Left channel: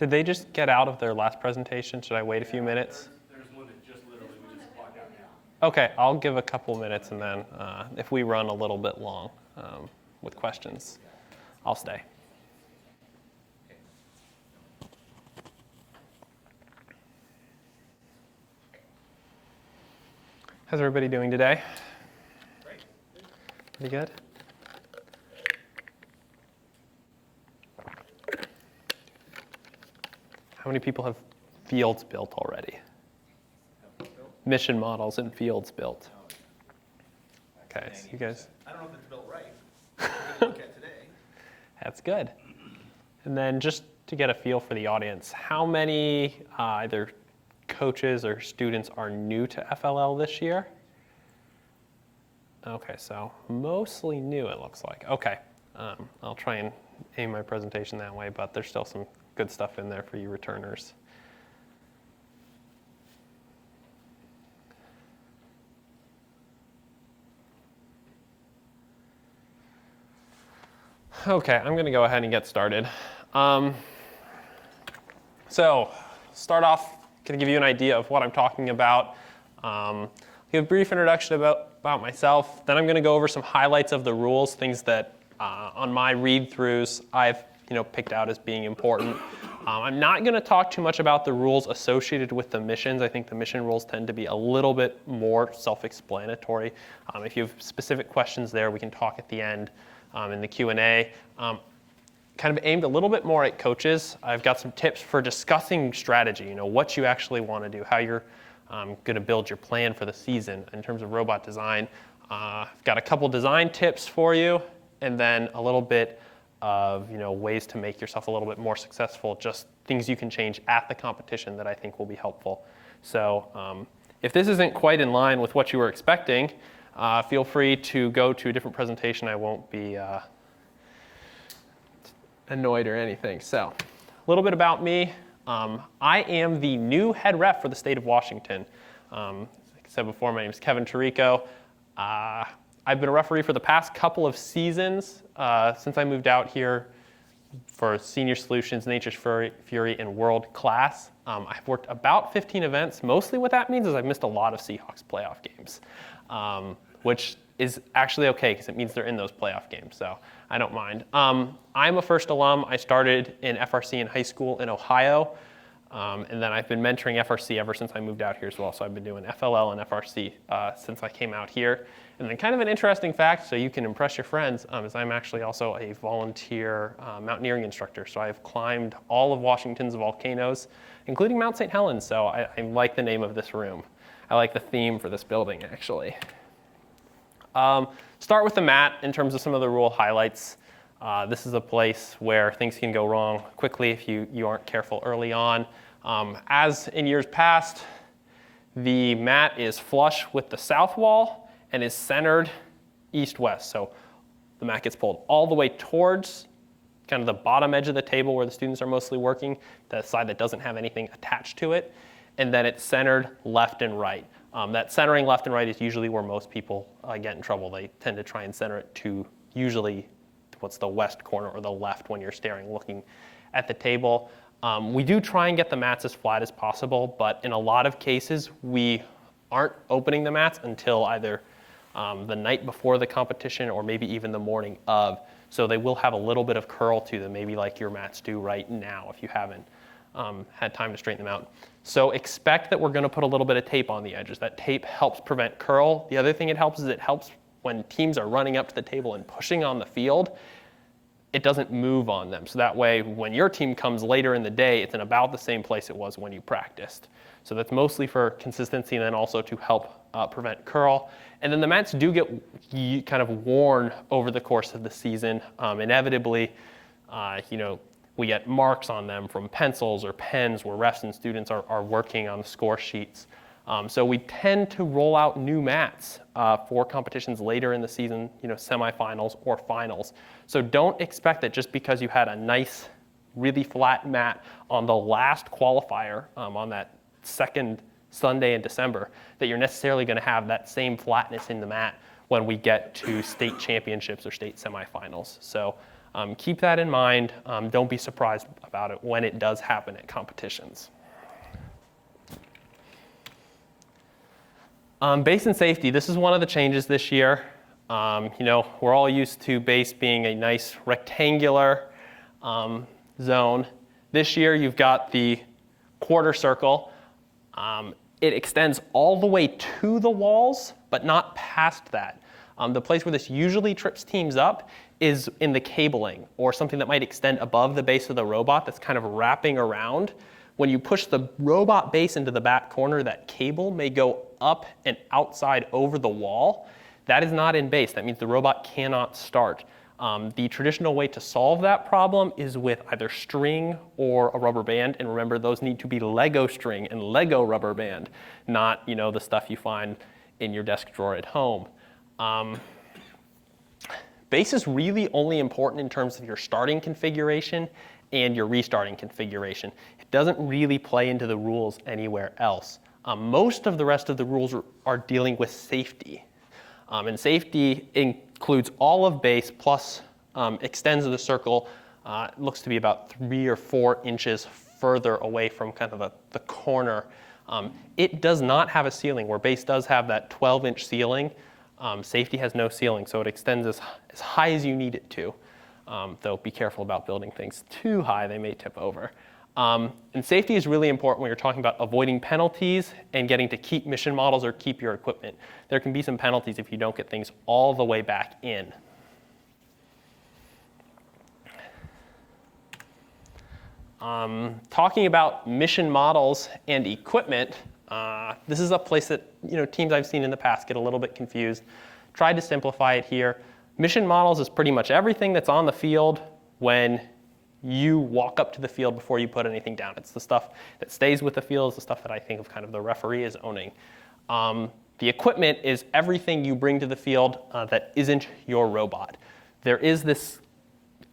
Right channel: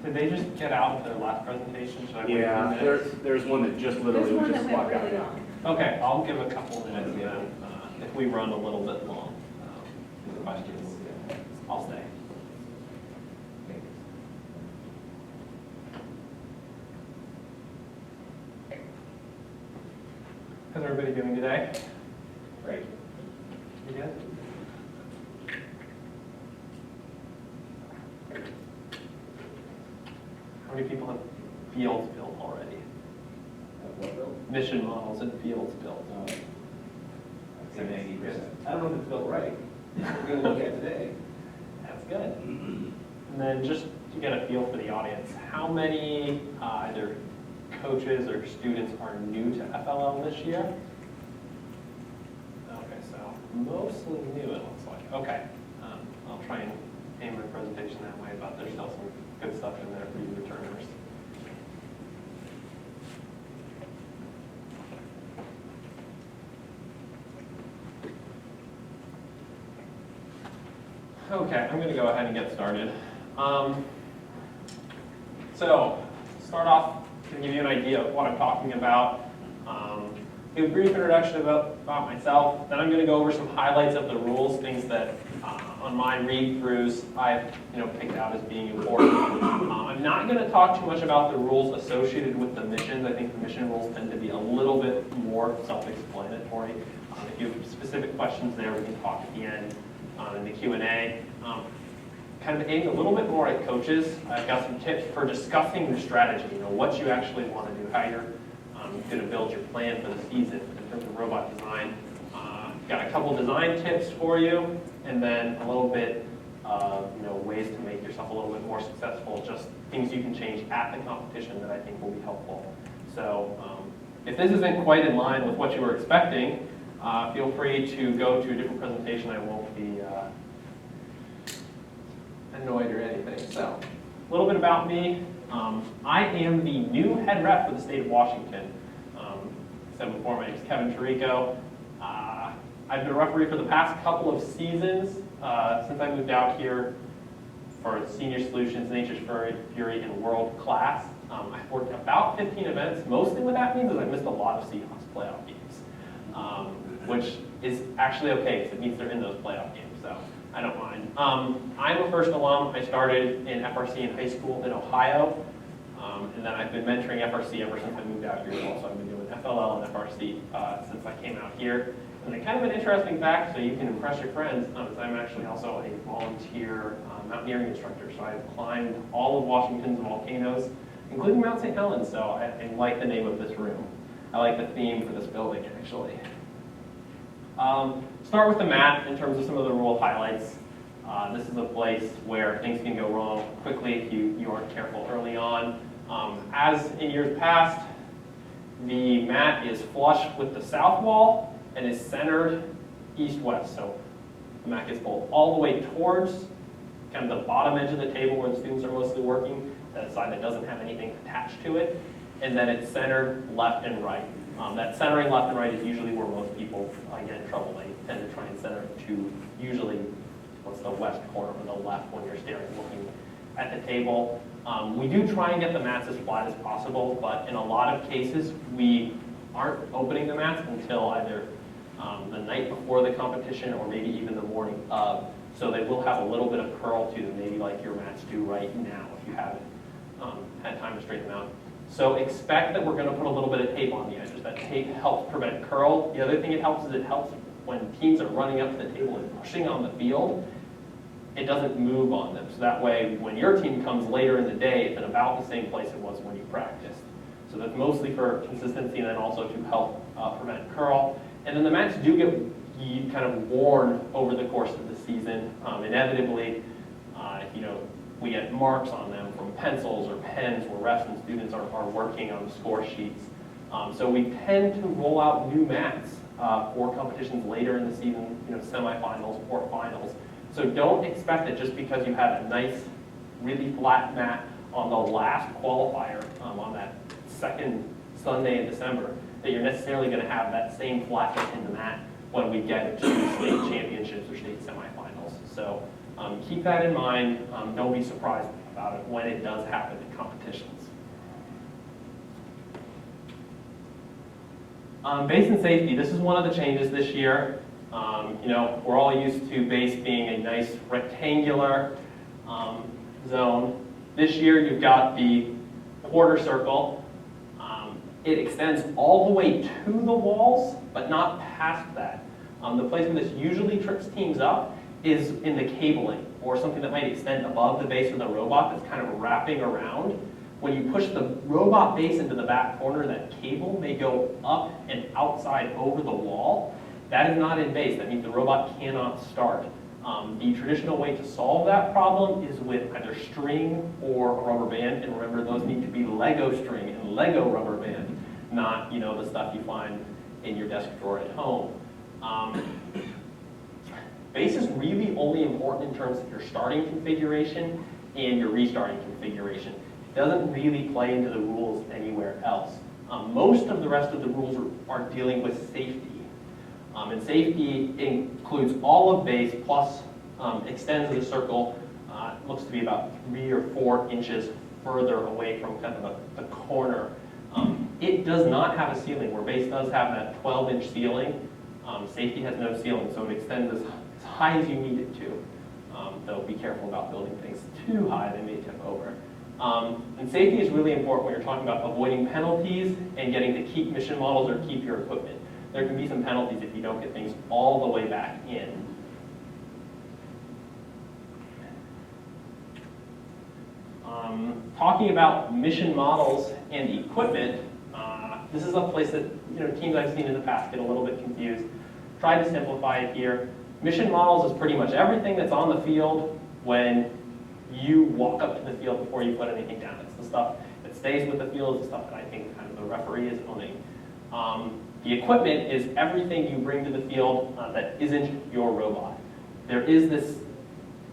Did they just get out of their last presentation? Should I wait a few minutes? There's one that just literally just walked out. Okay, I'll give a couple minutes, and then if we run a little bit long with questions, I'll stay. How's everybody doing today? Great. Pretty good? How many people have fields built already? Mission models and fields built. Okay, so you guys. I don't know if it's built right. We're going to look at today. That's good. And then just to get a feel for the audience, how many either coaches or students are new to FLL this year? Okay, so mostly new it looks like. Okay, I'll try and aim my presentation that way, but there's still some good stuff in there for you returners. Okay, I'm going to go ahead and get started. So, start off, going to give you an idea of what I'm talking about. Give a brief introduction about myself. Then I'm going to go over some highlights of the rules, things that on my read-throughs I've picked out as being important. I'm not going to talk too much about the rules associated with the missions. I think the mission rules tend to be a little bit more self-explanatory. If you have specific questions there, we can talk at the end in the Q&A. Kind of aimed a little bit more at coaches. I've got some tips for discussing strategy, what you actually want to do, how you're going to build your plan for the season in terms of robot design. Got a couple design tips for you, and then a little bit of ways to make yourself a little bit more successful, just things you can change at the competition that I think will be helpful. So if this isn't quite in line with what you were expecting, feel free to go to a different presentation. I won't be annoyed or anything. So a little bit about me. I am the new head rep for the state of Washington. Said before, my name is Kevin Tirico. I've been a referee for the past couple of seasons since I moved out here for Senior Solutions, Nature's Fury, and World Class. I've worked about 15 events. Mostly what that means is I've missed a lot of Seahawks playoff games, which is actually okay because it means they're in those playoff games, so I don't mind. I'm a first alum. I started in FRC in high school in Ohio, and then I've been mentoring FRC ever since I moved out here as well. So I've been doing FLL and FRC since I came out here. And then kind of an interesting fact, so you can impress your friends, is I'm actually also a volunteer mountaineering instructor. So I've climbed all of Washington's volcanoes, including Mount St. Helens. So I like the name of this room. I like the theme for this building, actually. Start with the mat in terms of some of the rule highlights. This is a place where things can go wrong quickly if you aren't careful early on. As in years past, the mat is flush with the south wall and is centered east-west. So the mat gets pulled all the way towards kind of the bottom edge of the table where the students are mostly working, the side that doesn't have anything attached to it, and then it's centered left and right. That centering left and right is usually where most people get in trouble. They tend to try and center it to usually what's the west corner or the left when you're looking at the table. We do try and get the mats as flat as possible, but in a lot of cases we aren't opening the mats until either the night before the competition or maybe even the morning of. So they will have a little bit of curl to them, maybe like your mats do right now if you haven't had time to straighten them out. So expect that we're going to put a little bit of tape on the edges. That tape helps prevent curl. The other thing it helps is it helps when teams are running up to the table and pushing on the field, it doesn't move on them. So that way, when your team comes later in the day, it's in about the same place it was when you practiced. So that's mostly for consistency and then also to help prevent curl. And then the mats do get kind of worn over the course of the season. Inevitably, we get marks on them from pencils or pens where refs and students are working on score sheets. So we tend to roll out new mats for competitions later in the season, semifinals or finals. So don't expect that just because you had a nice, really flat mat on the last qualifier on that second Sunday in December, that you're necessarily going to have that same flatness in the mat when we get to state championships or state semifinals. So keep that in mind. Don't be surprised about it when it does happen at competitions. Base and safety, this is one of the changes this year. We're all used to base being a nice rectangular zone. This year you've got the quarter circle. It extends all the way to the walls, but not past that. The place where this usually trips teams up is in the cabling, or something that might extend above the base of the robot that's kind of wrapping around. When you push the robot base into the back corner, that cable may go up and outside over the wall. That is not in base. That means the robot cannot start. The traditional way to solve that problem is with either string or a rubber band. And remember, those need to be Lego string and Lego rubber band, not the stuff you find in your desk drawer at home. Base is really only important in terms of your starting configuration and your restarting configuration. It doesn't really play into the rules anywhere else. Most of the rest of the rules are dealing with safety. And safety includes all of base plus extends the circle, looks to be about 3 or 4 inches further away from kind of the corner. It does not have a ceiling, where base does have that 12-inch ceiling. Safety has no ceiling, so it extends as high as you need it to. Though be careful about building things too high, they may tip over. And safety is really important when you're talking about avoiding penalties and getting to keep mission models or keep your equipment. There can be some penalties if you don't get things all the way back in. Talking about mission models and equipment, this is a place that teams I've seen in the past get a little bit confused. Try to simplify it here. Mission models is pretty much everything that's on the field when you walk up to the field before you put anything down. It's the stuff that stays with the field, it's the stuff that I think of kind of the referee is owning. The equipment is everything you bring to the field that isn't your robot. There is this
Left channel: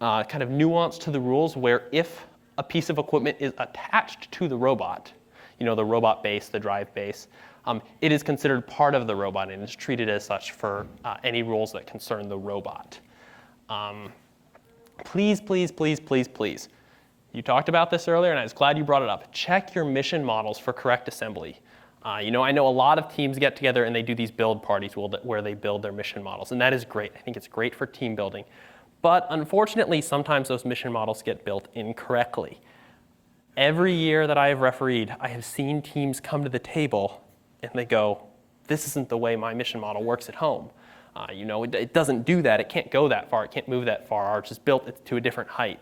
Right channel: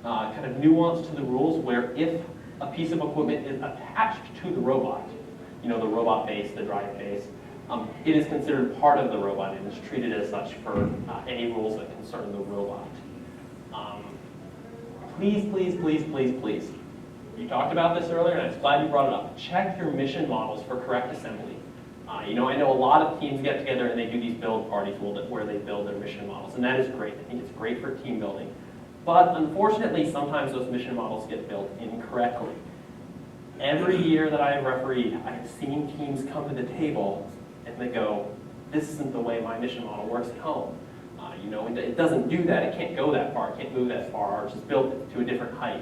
kind of nuance to the rules where if a piece of equipment is attached to the robot, the robot base, the drive base, it is considered part of the robot and is treated as such for any rules that concern the robot. Please, please, please, please, please. You talked about this earlier, and I was glad you brought it up. Check your mission models for correct assembly. I know a lot of teams get together and they do these build parties where they build their mission models, and that is great. I think it's great for team building. But unfortunately, sometimes those mission models get built incorrectly. Every year that I have refereed, I have seen teams come to the table and they go, this isn't the way my mission model works at home. It doesn't do that. It can't go that far. It can't move that far. Or just build it to a different height.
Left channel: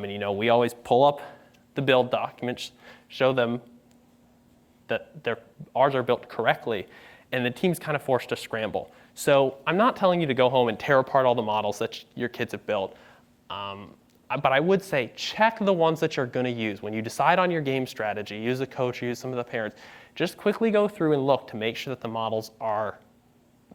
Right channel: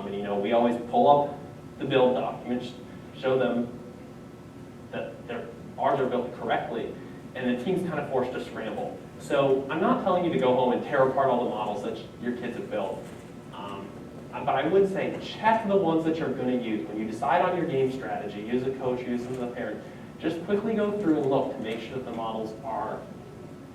We always pull up the build documents, show them that ours are built correctly, and the team's kind of forced to scramble. So I'm not telling you to go home and tear apart all the models that your kids have built. But I would say check the ones that you're going to use. When you decide on your game strategy, use a coach, use some of the parents, just quickly go through and look to make sure that the models are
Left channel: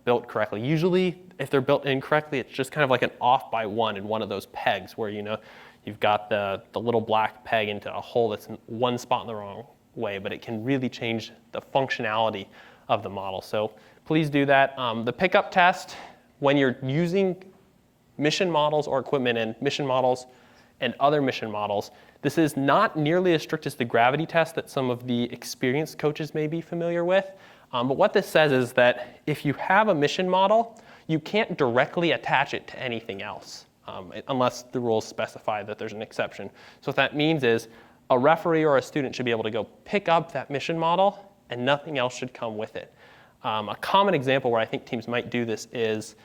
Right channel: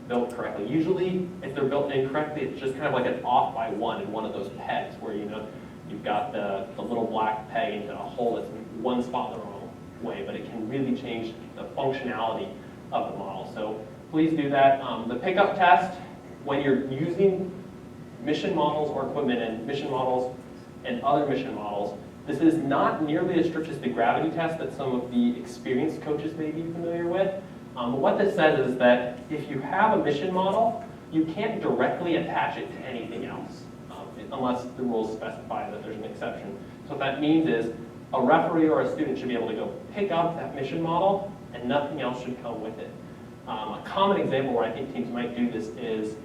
built correctly. Usually, if they're built incorrectly, it's just kind of like an off by one in one of those pegs where you've got the little black peg into a hole that's in one spot in the wrong way, but it can really change the functionality of the model. So please do that. The pickup test, when you're using mission models or equipment and mission models and other mission models, this is not nearly as strict as the gravity test that some of the experienced coaches may be familiar with. But what this says is that if you have a mission model, you can't directly attach it to anything else, unless the rules specify that there's an exception. So what that means is a referee or a student should be able to go pick up that mission model and nothing else should come with it. A common example where I think teams might do this is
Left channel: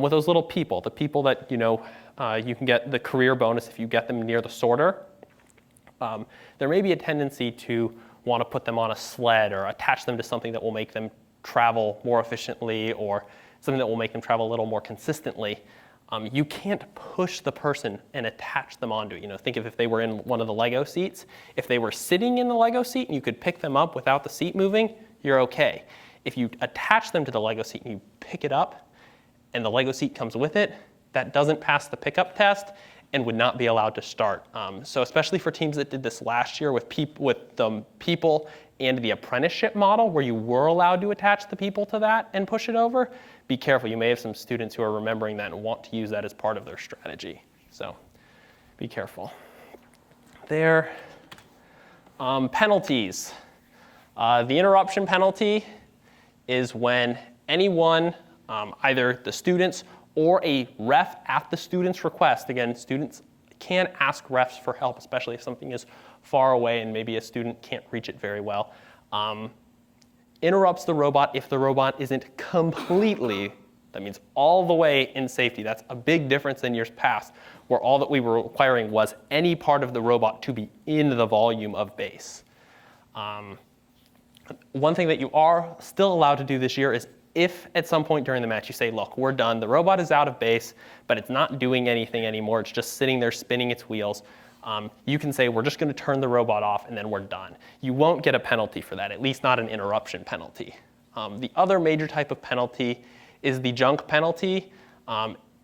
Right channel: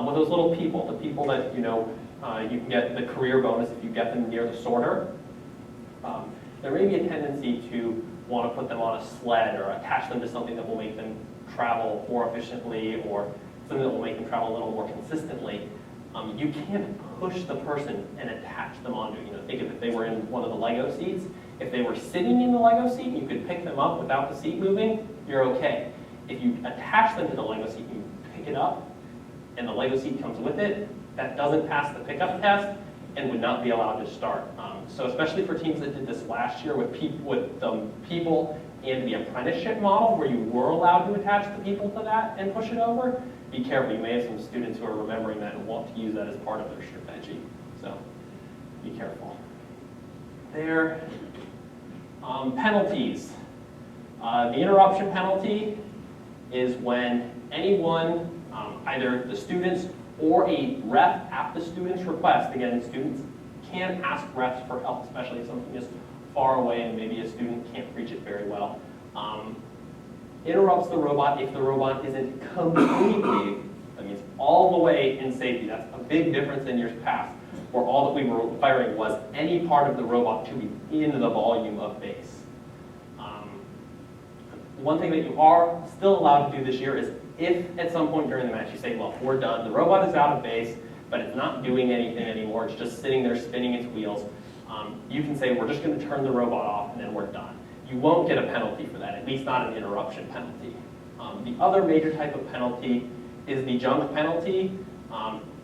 with those little people, the people that you can get the career bonus if you get them near the sorter. There may be a tendency to want to put them on a sled or attach them to something that will make them travel more efficiently or something that will make them travel a little more consistently. You can't push the person and attach them onto it. Think of if they were in one of the Lego seats. If they were sitting in the Lego seat and you could pick them up without the seat moving, you're okay. If you attach them to the Lego seat and you pick it up and the Lego seat comes with it, that doesn't pass the pickup test and would not be allowed to start. So especially for teams that did this last year with people and the apprenticeship model where you were allowed to attach the people to that and push it over, be careful. You may have some students who are remembering that and want to use that as part of their strategy. So be careful. there. Penalties. The interruption penalty is when anyone, either the students or a ref at the student's request, again, students can ask refs for help, especially if something is far away and maybe a student can't reach it very well. Interrupts the robot if the robot isn't completely, that means all the way in safety. That's a big difference than years past, where all that we were requiring was any part of the robot to be in the volume of base. One thing that you are still allowed to do this year is if at some point during the match you say, look, we're done, the robot is out of base, but it's not doing anything anymore, it's just sitting there spinning its wheels, you can say, we're just going to turn the robot off and then we're done. You won't get a penalty for that, at least not an interruption penalty. The other major type of penalty is the junk penalty,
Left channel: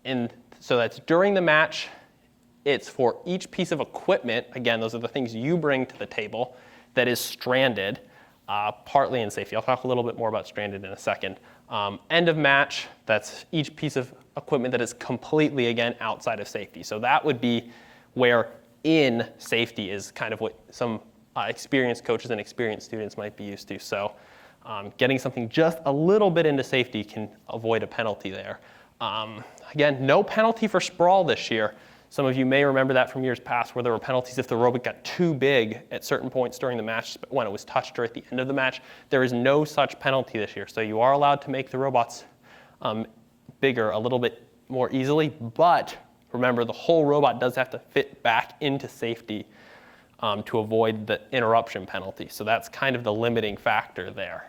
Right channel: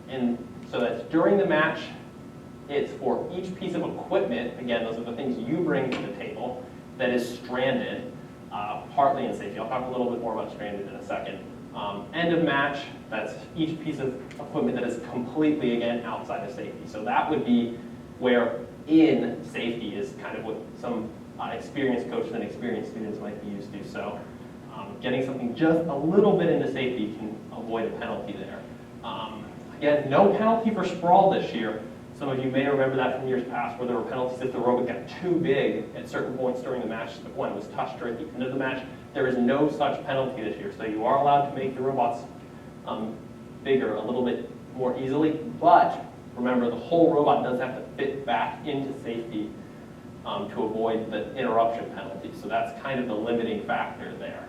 and so that's during the match. It's for each piece of equipment, again, those are the things you bring to the table, that is stranded, partly in safety. I'll talk a little bit more about stranded in a second. End of match, that's each piece of equipment that is completely, again, outside of safety. So that would be where in safety is kind of what some experienced coaches and experienced students might be used to. So getting something just a little bit into safety can avoid a penalty there. Again, no penalty for sprawl this year. Some of you may remember that from years past where there were penalties if the robot got too big at certain points during the match when it was touched or at the end of the match. There is no such penalty this year. So you are allowed to make the robots bigger a little bit more easily, but remember the whole robot does have to fit back into safety to avoid the interruption penalty. So that's kind of the limiting factor there.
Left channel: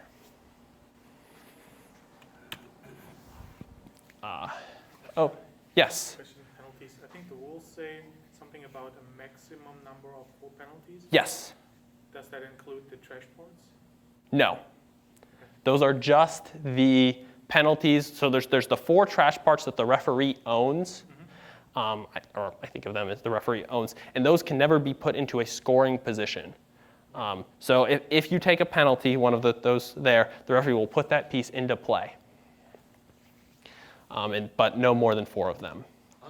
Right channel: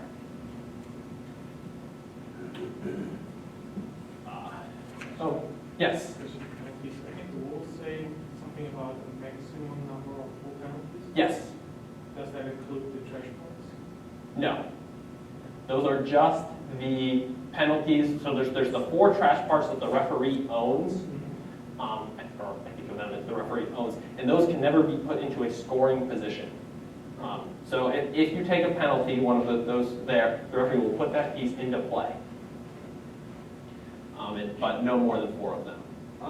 Oh, yes? Yes. Does that include the trash parts? No. Those are just the penalties. So there's the 4 trash parts that the referee owns, or I think of them as the referee owns, and those can never be put into a scoring position. So if you take a penalty, one of those there, the referee will put that piece into play. But no more than 4 of them.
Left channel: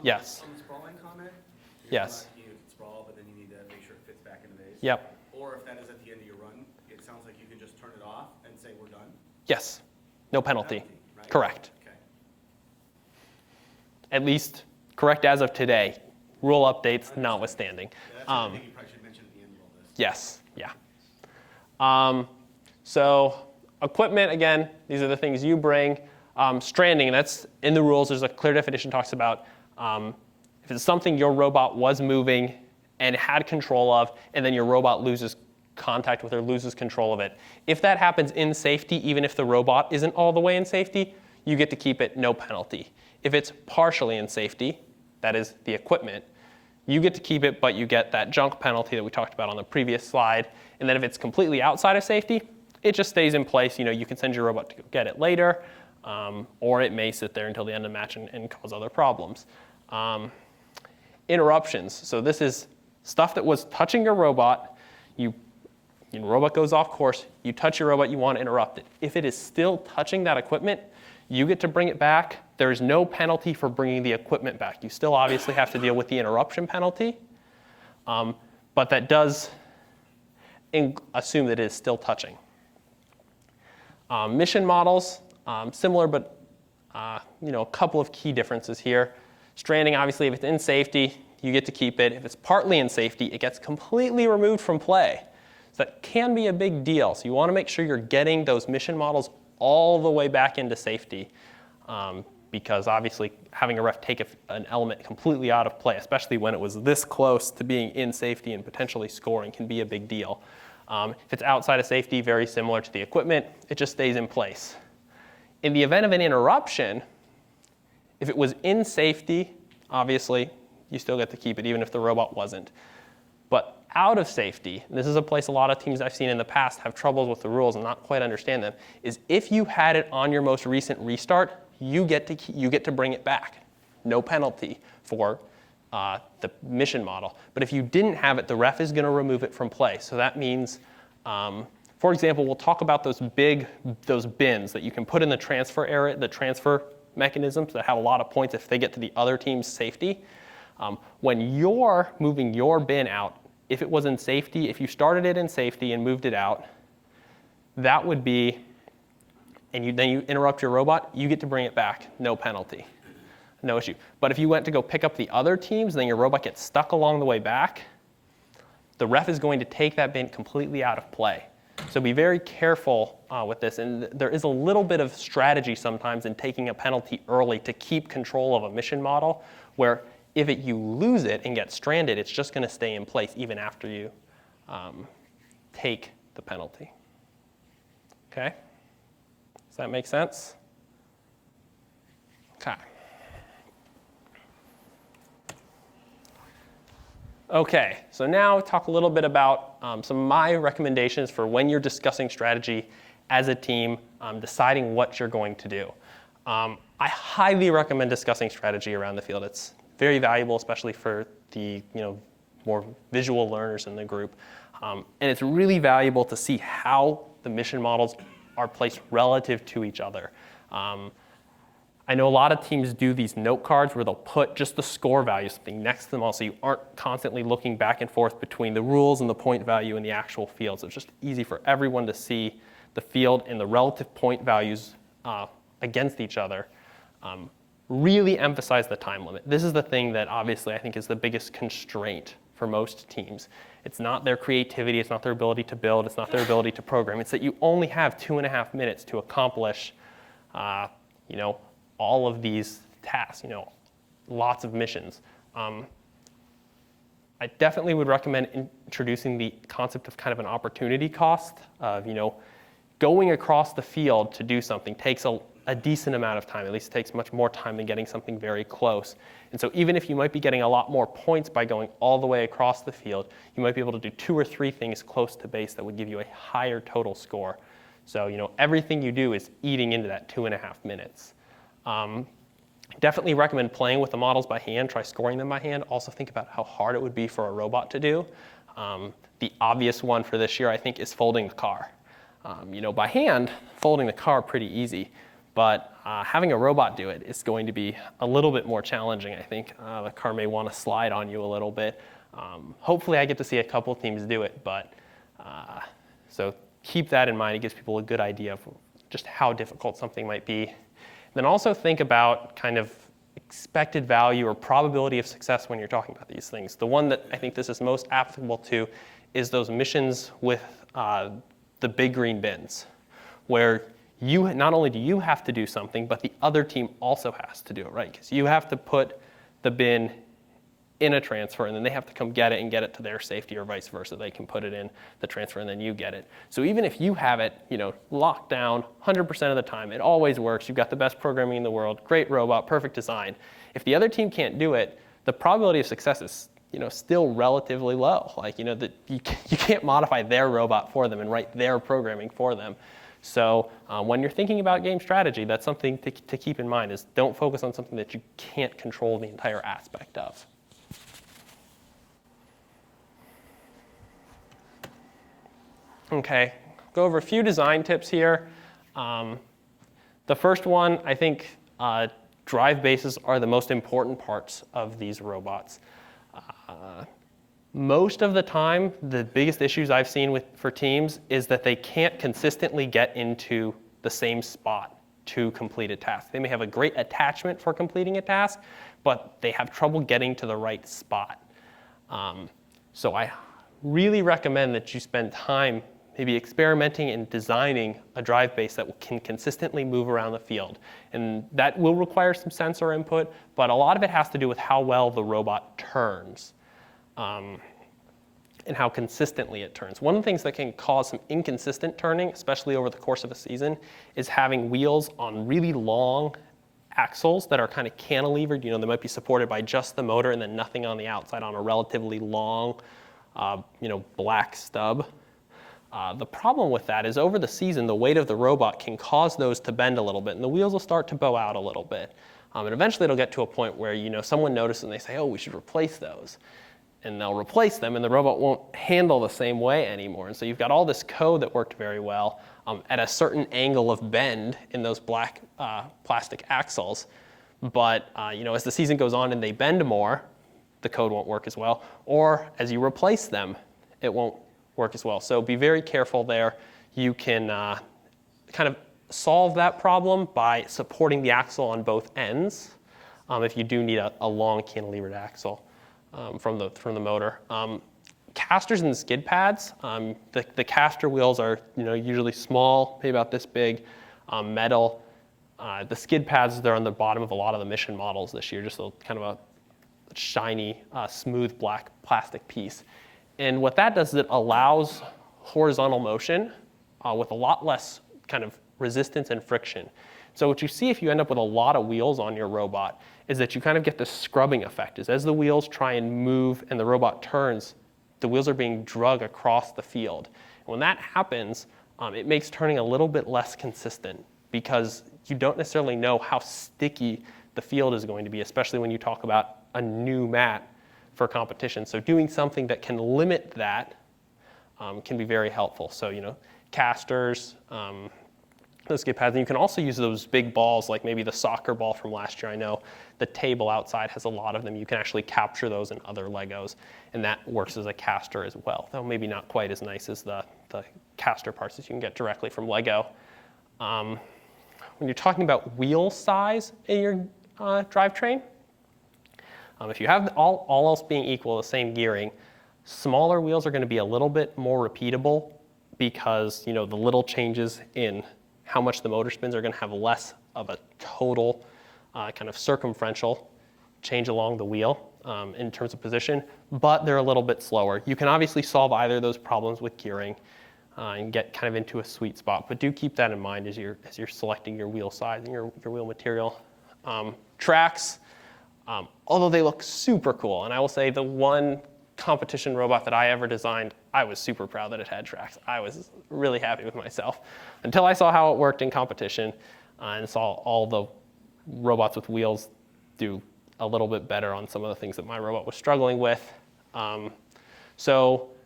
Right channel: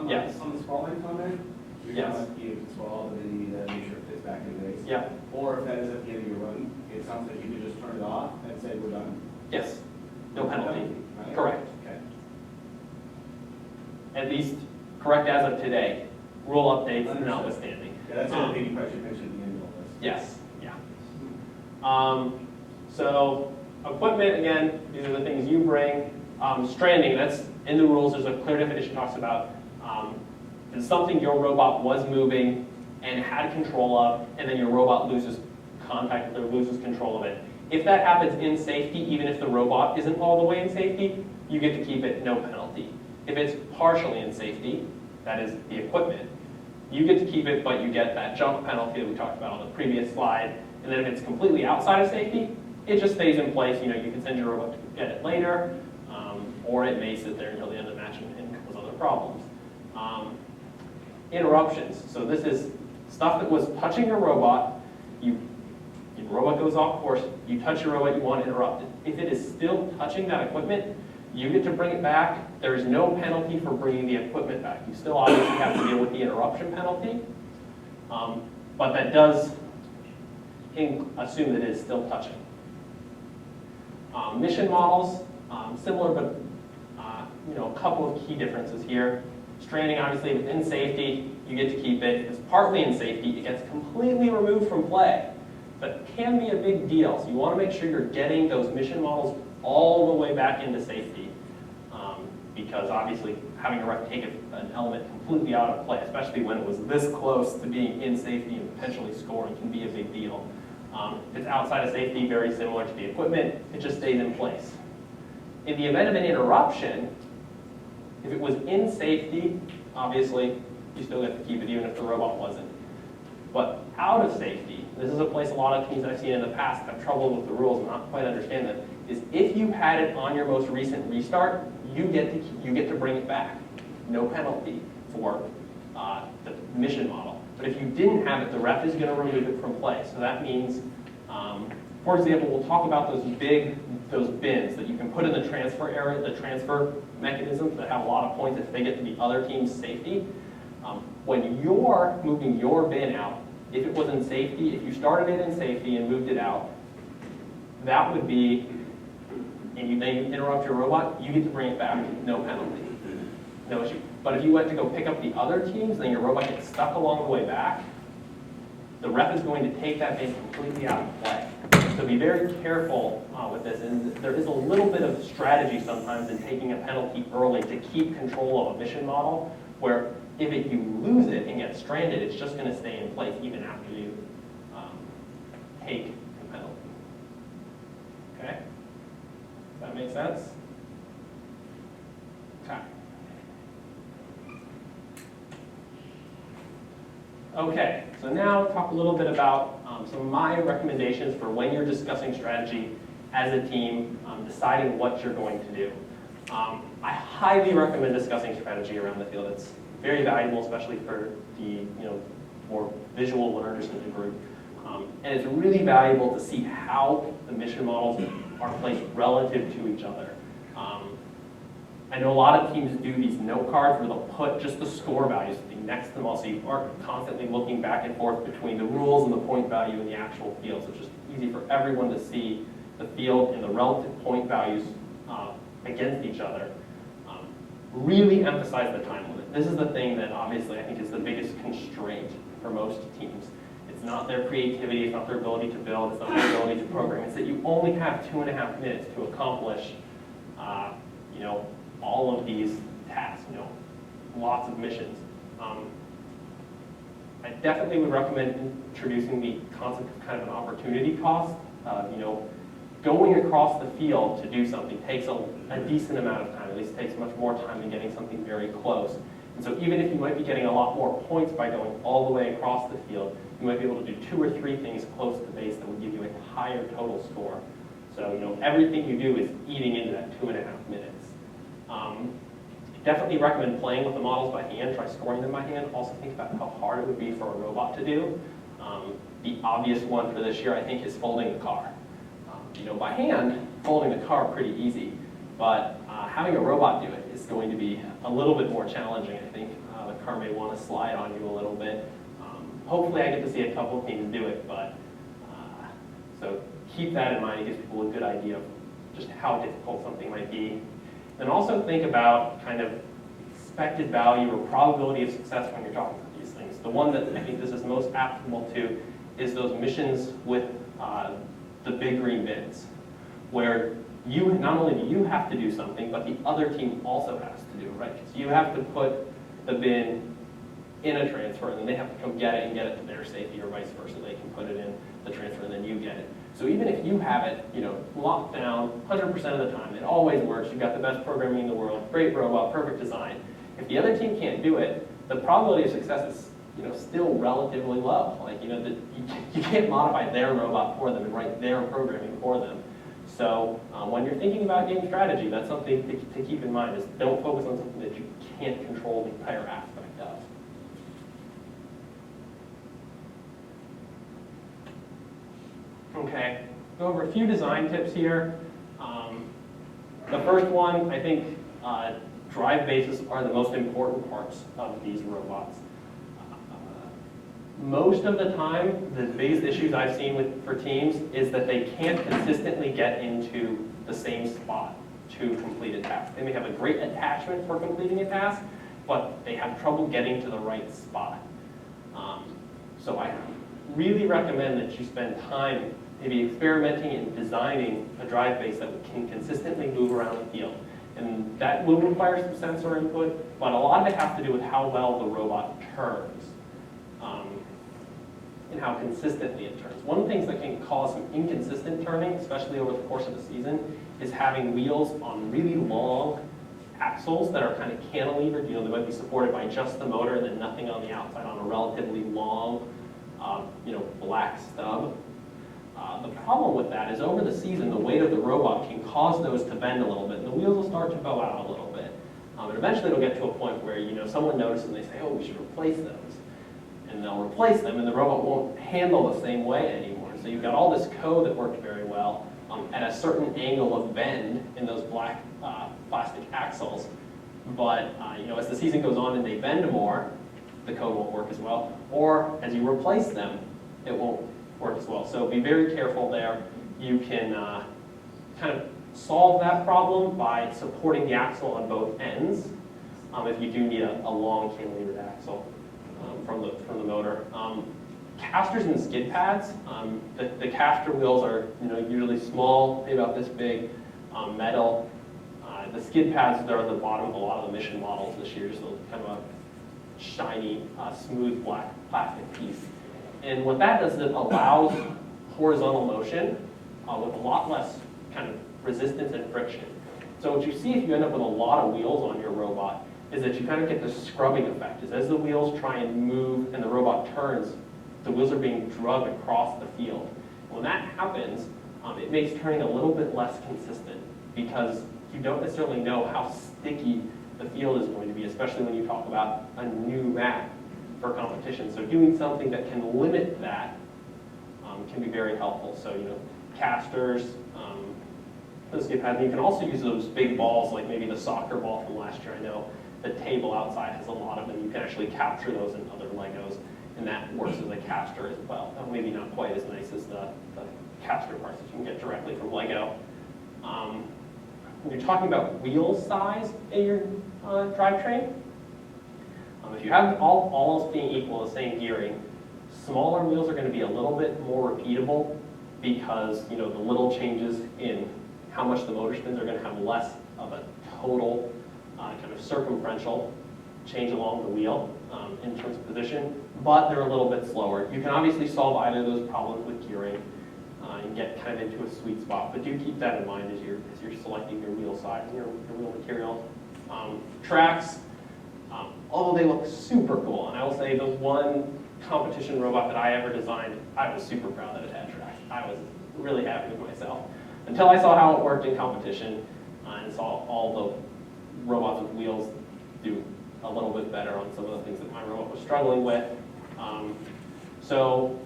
Yes. On the sprawling comment, Yes. you can sprawl, but then you need to make sure it fits back in base. Yep. Or if that is at the end of your run, it sounds like you could just turn it off and say we're done. Yes. No penalty. Right? Correct. Okay. At least correct as of today. Rule updates notwithstanding. Yeah, that's the thing you probably should mention at the end of all this. Yes. Yeah. So equipment, again, these are the things you bring. Stranding, that's in the rules. There's a clear definition talks about if it's something your robot was moving and had control of, and then your robot loses contact with it or loses control of it. If that happens in safety, even if the robot isn't all the way in safety, you get to keep it, no penalty. If it's partially in safety, that is the equipment, you get to keep it, but you get that junk penalty that we talked about on the previous slide. And then if it's completely outside of safety, it just stays in place. You know, you can send your robot to get it later, or it may sit there until the end of the match and cause other problems. Interruptions. So this is stuff that was touching your robot. Your robot goes off course. You touch your robot. You want to interrupt it. If it is still touching that equipment, you get to bring it back. There is no penalty for bringing the equipment back. You still obviously have to deal with the interruption penalty, but that does assume that it is still touching. Mission models, similar, but a couple of key differences here. Stranding, obviously, if it's in safety, you get to keep it. If it's partly in safety, it gets completely removed from play. So that can be a big deal. So you want to make sure you're getting those mission models all the way back into safety, because obviously having a ref take an element completely out of play, especially when it was this close to being in safety and potentially scoring, can be a big deal. If it's outside of safety, very similar to the equipment, it just stays in place. In the event of an interruption, if it was in safety, obviously you still get to keep it even if the robot wasn't. But out of safety, this is a place a lot of teams I've seen in the past have trouble with the rules and not quite understand them, is if you had it on your most recent restart, you get to bring it back. No penalty for the mission model. But if you didn't have it, the ref is going to remove it from play. So that means, for example, we'll talk about those bins that you can put in the transfer area, the transfer mechanisms that have a lot of points if they get to the other team's safety. When you're moving your bin out, if it was in safety, if you started it in safety and moved it out, that would be, and then you interrupt your robot, you get to bring it back, no penalty, no issue. But if you went to go pick up the other teams, then your robot gets stuck along the way back, the ref is going to take that bin completely out of play. So be very careful with this, and there is a little bit of strategy sometimes in taking a penalty early to keep control of a mission model, where if you lose it and get stranded, it's just going to stay in place even after you take the penalty. Okay? Does that make sense? Okay. Okay, so now talk a little bit about some of my recommendations for when you're discussing strategy as a team, deciding what you're going to do. I highly recommend discussing strategy around the field. It's very valuable, especially for the more visual learners in the group. And it's really valuable to see how the mission models are placed relative to each other. I know a lot of teams do these note cards where they'll put just the score value something next to them all, so you aren't constantly looking back and forth between the rules and the point value in the actual field. So it's just easy for everyone to see the field and the relative point values against each other. Really emphasize the time limit. This is the thing that obviously I think is the biggest constraint for most teams. It's not their creativity, it's not their ability to build, it's not their ability to program. It's that you only have 2.5 minutes to accomplish all of these tasks, lots of missions. I definitely would recommend introducing the concept of kind of an opportunity cost. Going across the field to do something takes a decent amount of time. At least it takes much more time than getting something very close. And so even if you might be getting a lot more points by going all the way across the field, you might be able to do 2 or 3 things close to base that would give you a higher total score. So everything you do is eating into that 2.5 minutes. Definitely recommend playing with the models by hand. Try scoring them by hand. Also think about how hard it would be for a robot to do. The obvious one for this year, I think, is folding the car. By hand, folding the car pretty easy, but having a robot do it is going to be a little bit more challenging, I think. The car may want to slide on you a little bit. Hopefully I get to see a couple teams do it, but so keep that in mind. It gives people a good idea of just how difficult something might be. Then also think about kind of expected value or probability of success when you're talking about these things. The one that I think this is most applicable to is those missions with the big green bins, where not only do you have to do something, but the other team also has to do it, right? Because you have to put the bin in a transfer, and then they have to come get it and get it to their safety, or vice versa. They can put it in the transfer, and then you get it. So even if you have it, locked down 100% of the time, it always works. You've got the best programming in the world, great robot, perfect design. If the other team can't do it, the probability of success is still relatively low. Like, you can't modify their robot for them and write their programming for them. So when you're thinking about game strategy, that's something to keep in mind, is don't focus on something that you can't control the entire aspect of. Okay, go over a few design tips here. The first one, I think drive bases are the most important parts of these robots. Most of the time, the biggest issues I've seen for teams is that they can't consistently get into the same spot to complete a task. They may have a great attachment for completing a task, but they have trouble getting to the right spot. So I really recommend that you spend time maybe experimenting and designing a drive base that can consistently move around the field. And that will require some sensor input, but a lot of it has to do with how well the robot turns. And how consistently it turns. One of the things that can cause some inconsistent turning, especially over the course of a season, is having wheels on really long axles that are kind of cantilevered. They might be supported by just the motor and then nothing on the outside on a relatively long, black stub. The problem with that is over the season, the weight of the robot can cause those to bend a little bit, and the wheels will start to bow out a little bit. And eventually it'll get to a point where someone notices and they say, oh, we should replace those. And they'll replace them, and the robot won't handle the same way anymore. And so you've got all this code that worked very well at a certain angle of bend in those black plastic axles. But as the season goes on and they bend more, the code won't work as well. Or as you replace them, it won't work as well. So be very careful there. You can kind of solve that problem by supporting the axle on both ends if you do need a long cantilevered axle from the motor. Casters and skid pads, the caster wheels are usually small, maybe about this big, metal. The skid pads, they're on the bottom of a lot of the Mission models this year, just kind of a shiny, smooth black plastic piece. And what that does is it allows horizontal motion with a lot less kind of resistance and friction. So what you see if you end up with a lot of wheels on your robot is that you kind of get this scrubbing effect. Is as the wheels try and move and the robot turns, the wheels are being dragged across the field. When that happens, it makes turning a little bit less consistent because you don't necessarily know how sticky the field is going to be, especially when you talk about a new mat for competition. So doing something that can limit that can be very helpful. So casters, those skid pads. And you can also use those big balls, like maybe the soccer ball from last year. I know the table outside has a lot of them. You can actually capture those in other Legos, and that works as a caster as well. Though maybe not quite as nice as the caster parts that you can get directly from Lego. When you're talking about wheel size in your drivetrain, if you have all else being equal, the same gearing, smaller wheels are going to be a little bit more repeatable because the little changes in how much the motor spins are going to have less of a total kind of circumferential change along the wheel in terms of position, but they're a little bit slower. You can obviously solve either of those problems with gearing and get kind of into a sweet spot, but do keep that in mind as you're selecting your wheel size and your wheel material. Tracks, although they look super cool, and I will say the one competition robot that I ever designed, I was super proud that it had tracks. I was really happy with myself until I saw how it worked in competition and saw all the robots with wheels do a little bit better on some of the things that my robot was struggling with. So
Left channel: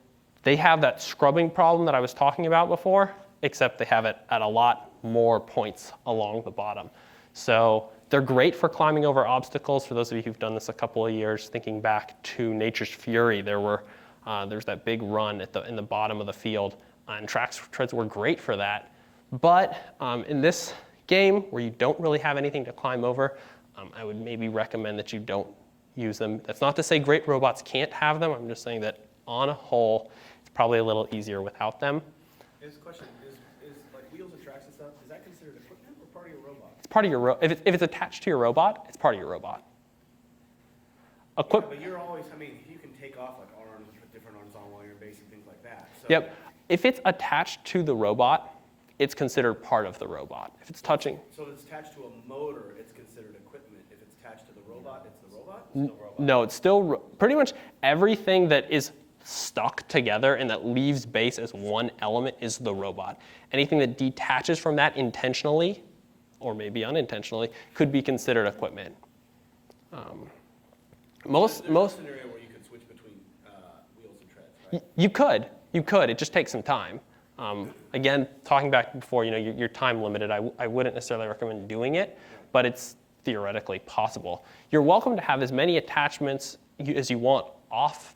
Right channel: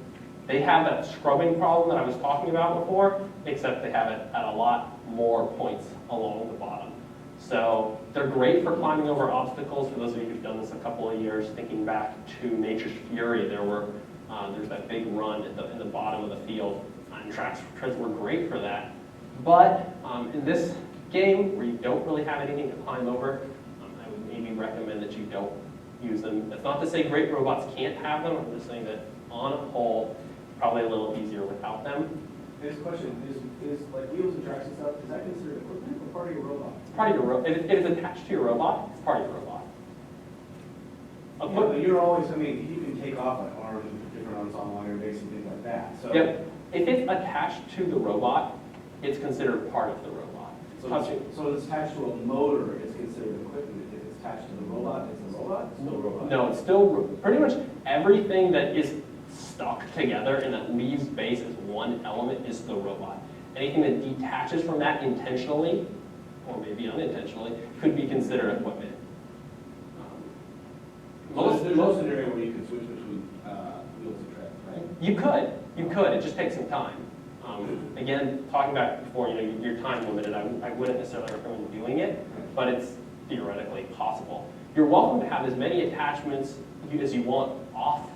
they have that scrubbing problem that I was talking about before, except they have it at a lot more points along the bottom. So they're great for climbing over obstacles. For those of you who've done this a couple of years, thinking back to Nature's Fury, there's that big run in the bottom of the field, and treads were great for that. But in this game, where you don't really have anything to climb over, I would maybe recommend that you don't use them. That's not to say great robots can't have them. I'm just saying that on a whole, it's probably a little easier without them. This question is like wheels and tracks and stuff, is that considered equipment or part of your robot? It's part of your if it's attached to your robot, it's part of your robot. But you're always, you can take off like arms, different arms on wire base and things like that. So, yeah, if it's attached to the robot, it's considered part of the robot. If it's touching. So it's attached to a motor, it's considered equipment. If it's attached to the robot, it's a robot? It's still a robot? No, it's still pretty much everything that is stuck together and that leaves base as one element is the robot. Anything that detaches from that intentionally, or maybe unintentionally, could be considered equipment. There's no scenario where you can switch between wheels and tracks, right? You could. It just takes some time. Again, talking back before, you're time limited. I wouldn't necessarily recommend doing it, but it's theoretically possible. You're welcome to have as many attachments as you want off,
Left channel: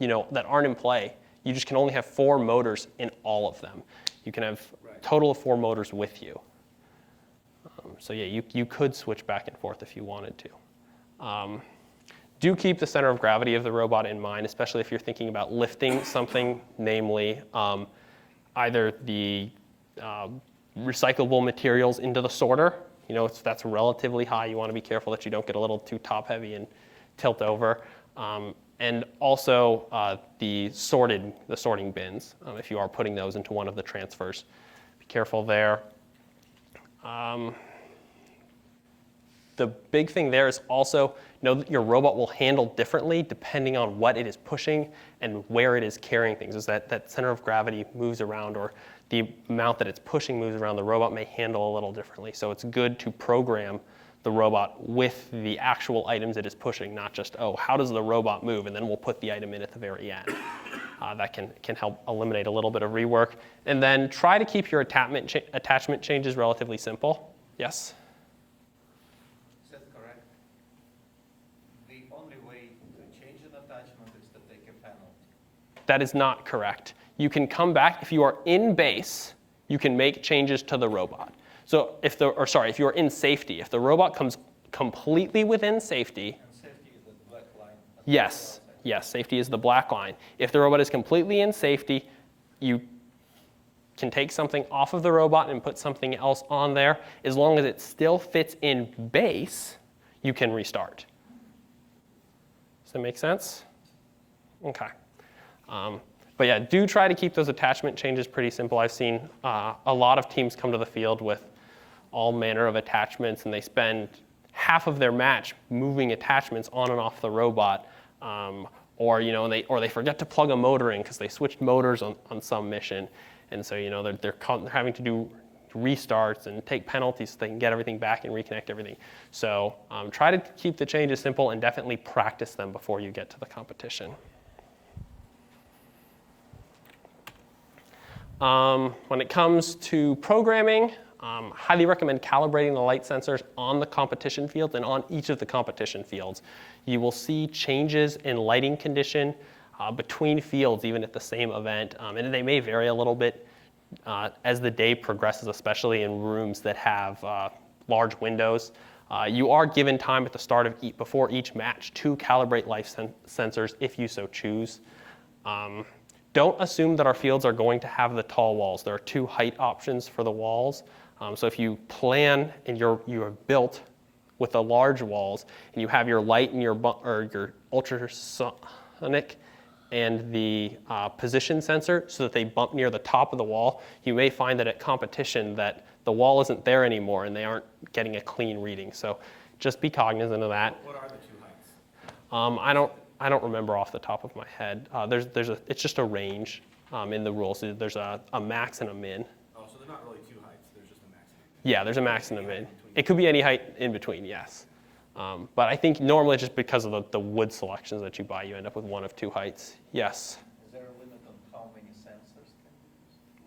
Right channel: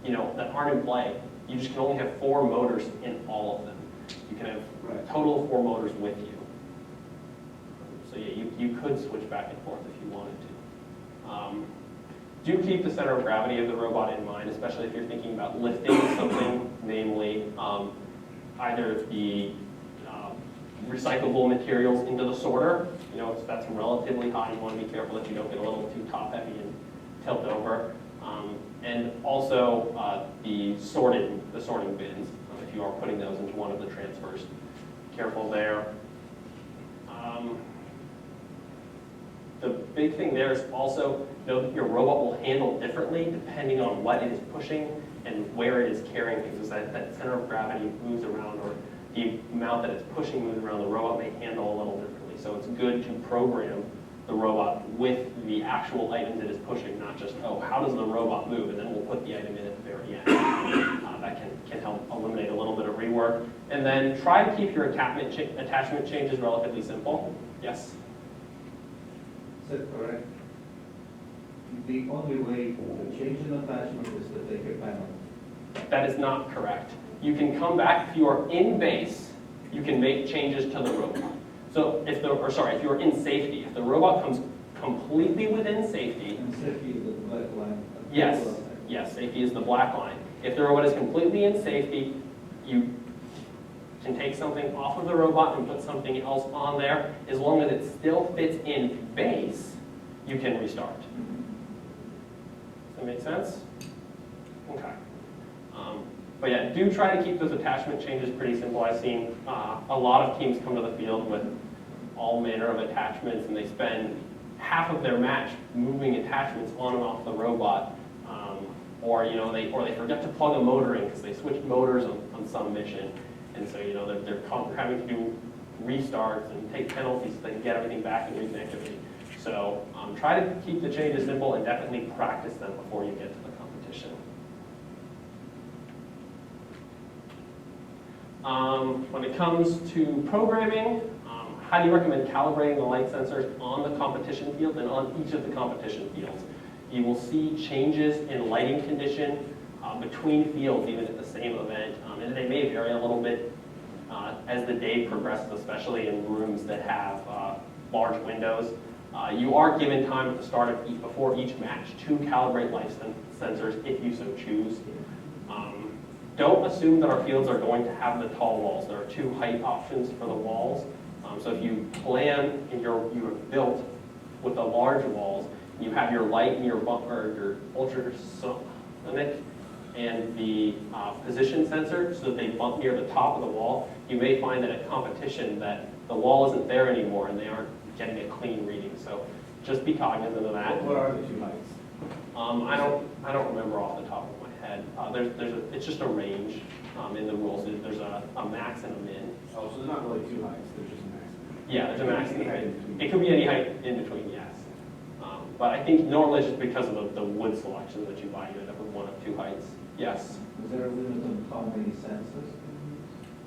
that aren't in play. You just can only have 4 motors in all of them. You can have a total of 4 motors with you. So yeah, you could switch back and forth if you wanted to. Do keep the center of gravity of the robot in mind, especially if you're thinking about lifting something, namely either the recyclable materials into the sorter. If that's relatively high, you want to be careful that you don't get a little too top heavy and tilt over. And also the sorting bins, if you are putting those into one of the transfers. Be careful there. The big thing there is also know that your robot will handle differently depending on what it is pushing and where it is carrying things. As that center of gravity moves around, or the amount that it's pushing moves around, the robot may handle a little differently. So it's good to program the robot with the actual items it is pushing, not just, how does the robot move, and then we'll put the item in at the very end. That can help eliminate a little bit of rework. And then try to keep your attachment changes relatively simple. Yes? So, all right. the only way to change an attachment is to take a panel. That is not correct. You can come back, if you are in base, you can make changes to the robot. So if you're in safety, if the robot comes completely within safety, And safety is the black line. yes, safety is the black line. If the robot is completely in safety, you can take something off of the robot and put something else on there. As long as it still fits in base, you can restart. Does that make sense? Okay. But yeah, do try to keep those attachment changes pretty simple. I've seen a lot of teams come to the field with all manner of attachments, and they spend half of their match moving attachments on and off the robot, or they forget to plug a motor in because they switched motors on some mission, and so they're having to do restarts and take penalties so they can get everything back and reconnect everything. So try to keep the changes simple and definitely practice them before you get to the competition. When it comes to programming, highly recommend calibrating the light sensors on the competition field and on each of the competition fields. You will see changes in lighting condition between fields, even at the same event, and they may vary a little bit as the day progresses, especially in rooms that have large windows. You are given time at the start of before each match to calibrate light sensors if you so choose. Don't assume that our fields are going to have the tall walls. There are 2 height options for the walls. So if you plan and you are built with the large walls, and you have your light and your ultrasonic and the position sensor so that they bump near the top of the wall, you may find that at competition that the wall isn't there anymore and they aren't getting a clean reading. So just be cognizant of that. What are the 2 heights? I don't remember off the top of my head. It's just a range in the rules. So there's a max and a min. Oh, so they're not really 2 heights, there's just a max. Yeah, there's a max and a min. It could be any height in between, yes. But I think normally just because of the wood selections that you buy, you end up with 1 of 2 heights. Yes? Is there a limit on how many sensors?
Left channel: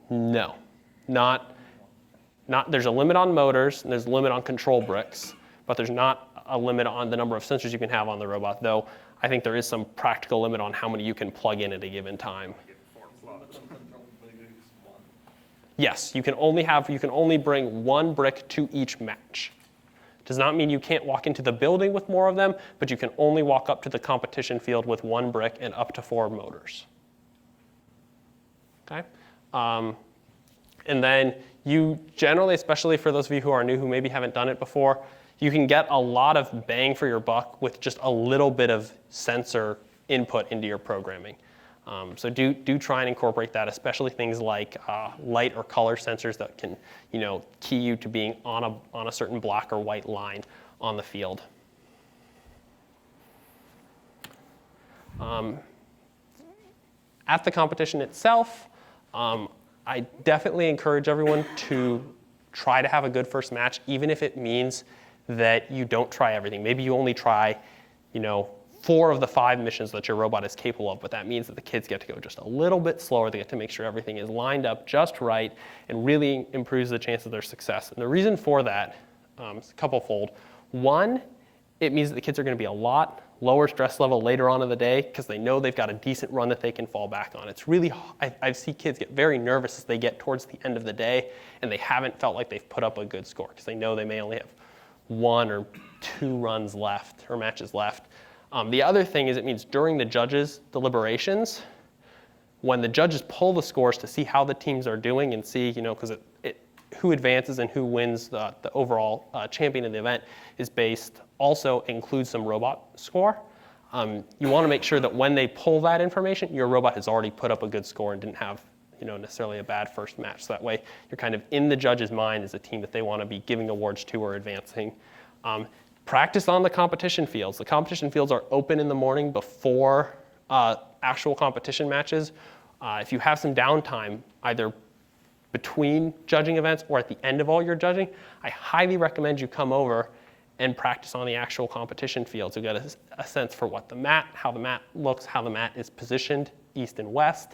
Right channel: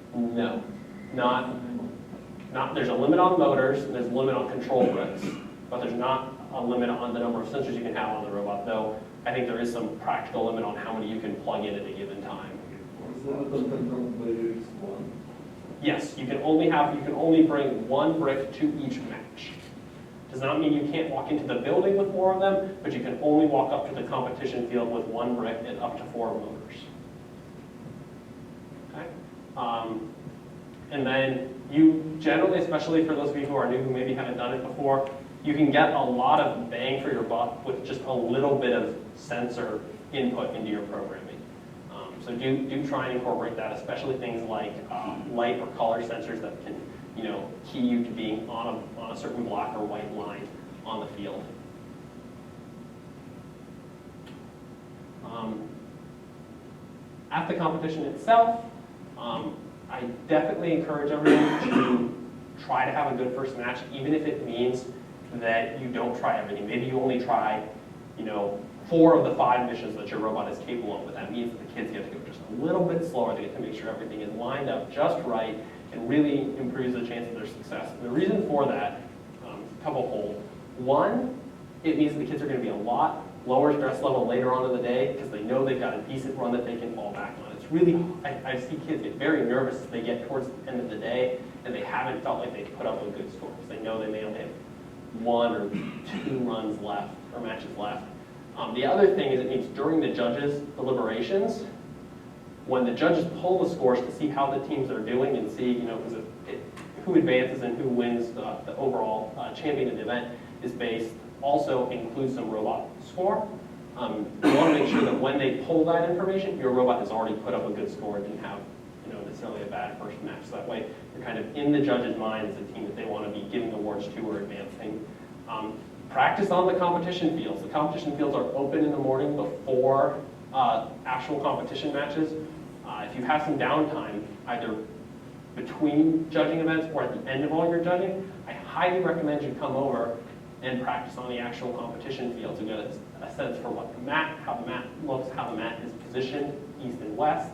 No, not. There's a limit on motors, and there's a limit on control bricks, but there's not a limit on the number of sensors you can have on the robot, though I think there is some practical limit on how many you can plug in at a given time. Is limit on control bricks 1? Yes, you can only bring 1 brick to each match. Does not mean you can't walk into the building with more of them, but you can only walk up to the competition field with 1 brick and up to 4 motors. Okay? And then you generally, especially for those of you who are new who maybe haven't done it before, you can get a lot of bang for your buck with just a little bit of sensor input into your programming. So do try and incorporate that, especially things like light or color sensors that can key you to being on a certain black or white line on the field. At the competition itself, I definitely encourage everyone to try to have a good first match, even if it means that you don't try everything. Maybe you only try, 4 of the 5 missions that your robot is capable of, but that means that the kids get to go just a little bit slower. They get to make sure everything is lined up just right and really improves the chance of their success. And the reason for that is a couple-fold. One, it means that the kids are going to be a lot lower stress level later on in the day because they know they've got a decent run that they can fall back on. It's really, I see kids get very nervous as they get towards the end of the day and they haven't felt like they've put up a good score because they know they may only have 1 or 2 runs left or matches left. The other thing is it means during the judges' deliberations, when the judges pull the scores to see how the teams are doing and see, because who advances and who wins the overall champion of the event is based, also includes some robot score. You want to make sure that when they pull that information, your robot has already put up a good score and didn't have necessarily a bad first match. So that way you're kind of in the judge's mind as a team that they want to be giving awards to or advancing. Practice on the competition fields. The competition fields are open in the morning before actual competition matches. If you have some downtime, either between judging events or at the end of all your judging, I highly recommend you come over and practice on the actual competition field to get a sense for how the mat looks, how the mat is positioned east and west,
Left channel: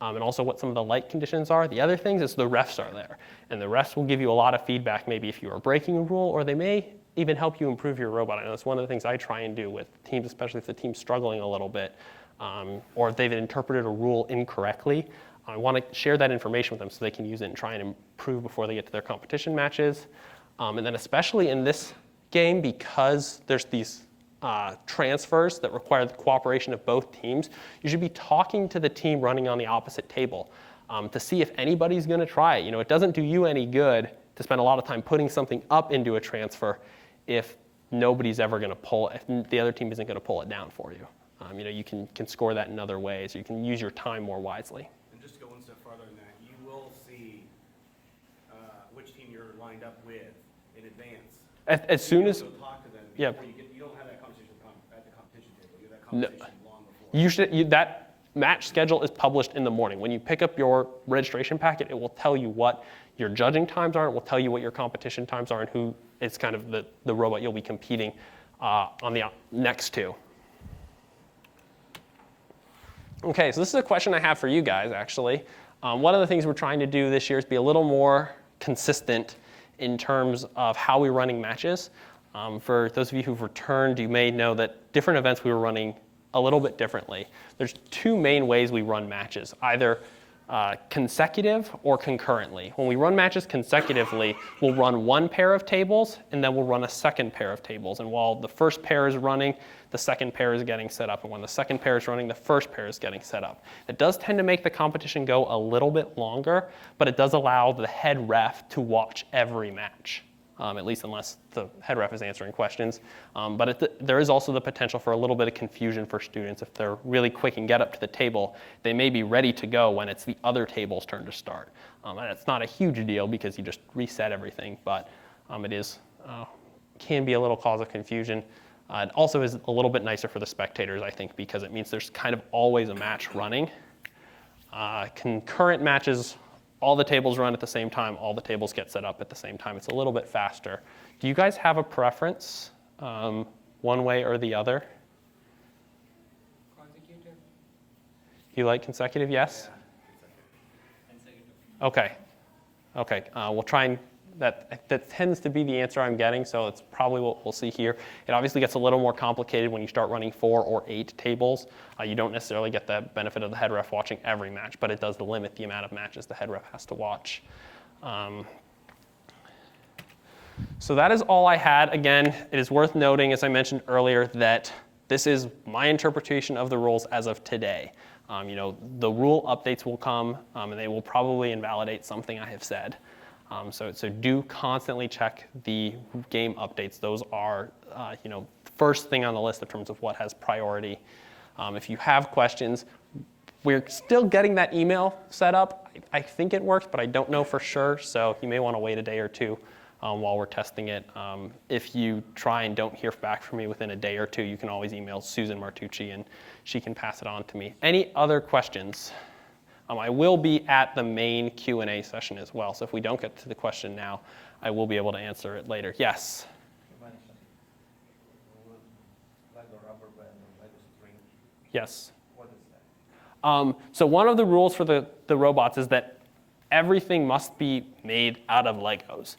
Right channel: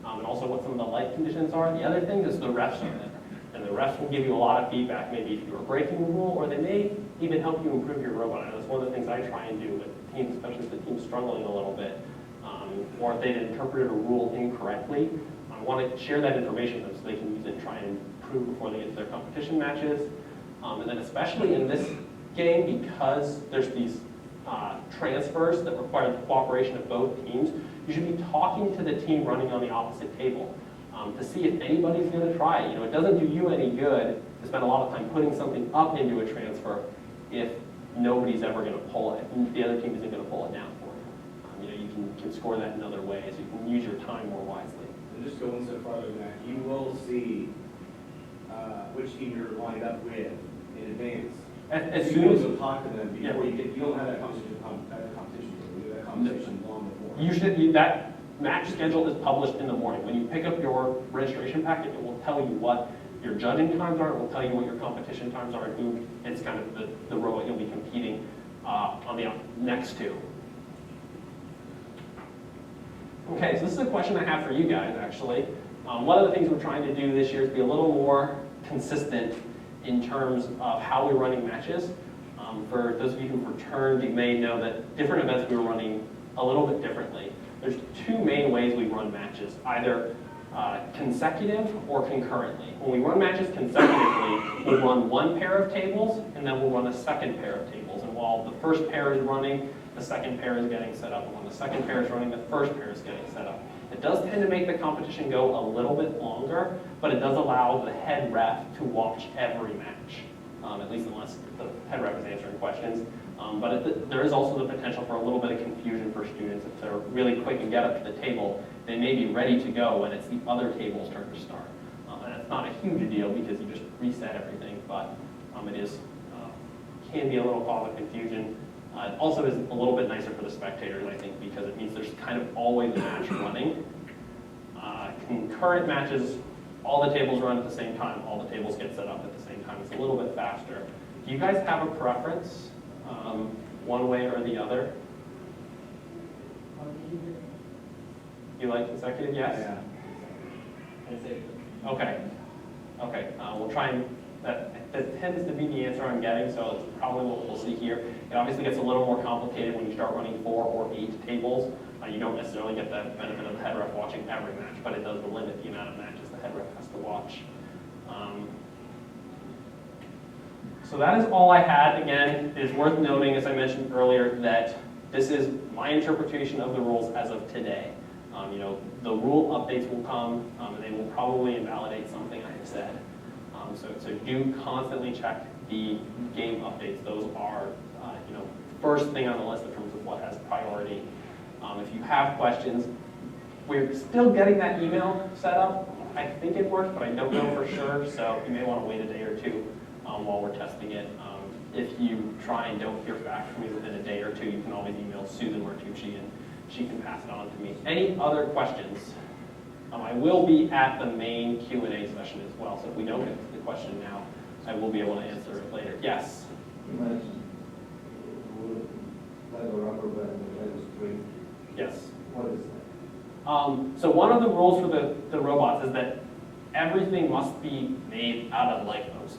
and also what some of the light conditions are. The other thing is the refs are there. And the refs will give you a lot of feedback, maybe if you are breaking a rule, or they may even help you improve your robot. And that's one of the things I try and do with teams, especially if the team's struggling a little bit, or if they've interpreted a rule incorrectly. I want to share that information with them so they can use it and try and improve before they get to their competition matches. And then especially in this game, because there's these transfers that require the cooperation of both teams, you should be talking to the team running on the opposite table to see if anybody's going to try it. You know, it doesn't do you any good to spend a lot of time putting something up into a transfer if nobody's ever going to pull it, if the other team isn't going to pull it down for you. You know, you can score that in other ways. You can use your time more wisely. And just going so farther than that, you will see which team you're lined up with in advance. As soon as you'll talk to them before you don't have that competition. That conversation long before. That match schedule is published in the morning. When you pick up your registration packet, it will tell you what your judging times are. It will tell you what your competition times are and who is kind of the robot you'll be competing on the next to. Okay, so this is a question I have for you guys, actually. One of the things we're trying to do this year is be a little more consistent in terms of how we're running matches. For those of you who've returned, you may know that different events we were running a little bit differently. There's two main ways we run matches, either consecutive or concurrently. When we run matches consecutively, we'll run one pair of tables and then we'll run a second pair of tables. And while the first pair is running, the second pair is getting set up. And when the second pair is running, the first pair is getting set up. It does tend to make the competition go a little bit longer, but it does allow the head ref to watch every match, at least unless the head ref is answering questions. But there is also the potential for a little bit of confusion for students. If they're really quick and get up to the table, they may be ready to go when it's the other table's turn to start. And it's not a huge deal because you just reset everything, but it is can be a little cause of confusion. It also is a little bit nicer for the spectators, I think, because it means there's kind of always a match running. Concurrent matches, all the tables run at the same time, all the tables get set up at the same time. It's a little bit faster. Do you guys have a preference, one way or the other? You like consecutive, yes? Yeah. Okay. Okay, we'll try and, that tends to be the answer I'm getting, so it's probably what we'll see here. It obviously gets a little more complicated when you start running 4 or 8 tables. You don't necessarily get the benefit of the head ref watching every match, but it does limit the amount of matches the head ref has to watch. So that is all I had. Again, it is worth noting, as I mentioned earlier, that this is my interpretation of the rules as of today. You know, the rule updates will come, and they will probably invalidate something I have said. So do constantly check the game updates. Those are, you know, first thing on the list in terms of what has priority. If you have questions, we're still getting that email set up. I think it works, but I don't know for sure. So you may want to wait a day or two while we're testing it. If you try and don't hear back from me within a day or two, you can always email Susan Martucci and she can pass it on to me. Any other questions? I will be at the main Q&A session as well, so if we don't get to the question now, I will be able to answer it later. Yes? You mentioned Lego rubber band and Lego string. Yes. What is that? So one of the rules for the robots is that everything must be made out of Legos.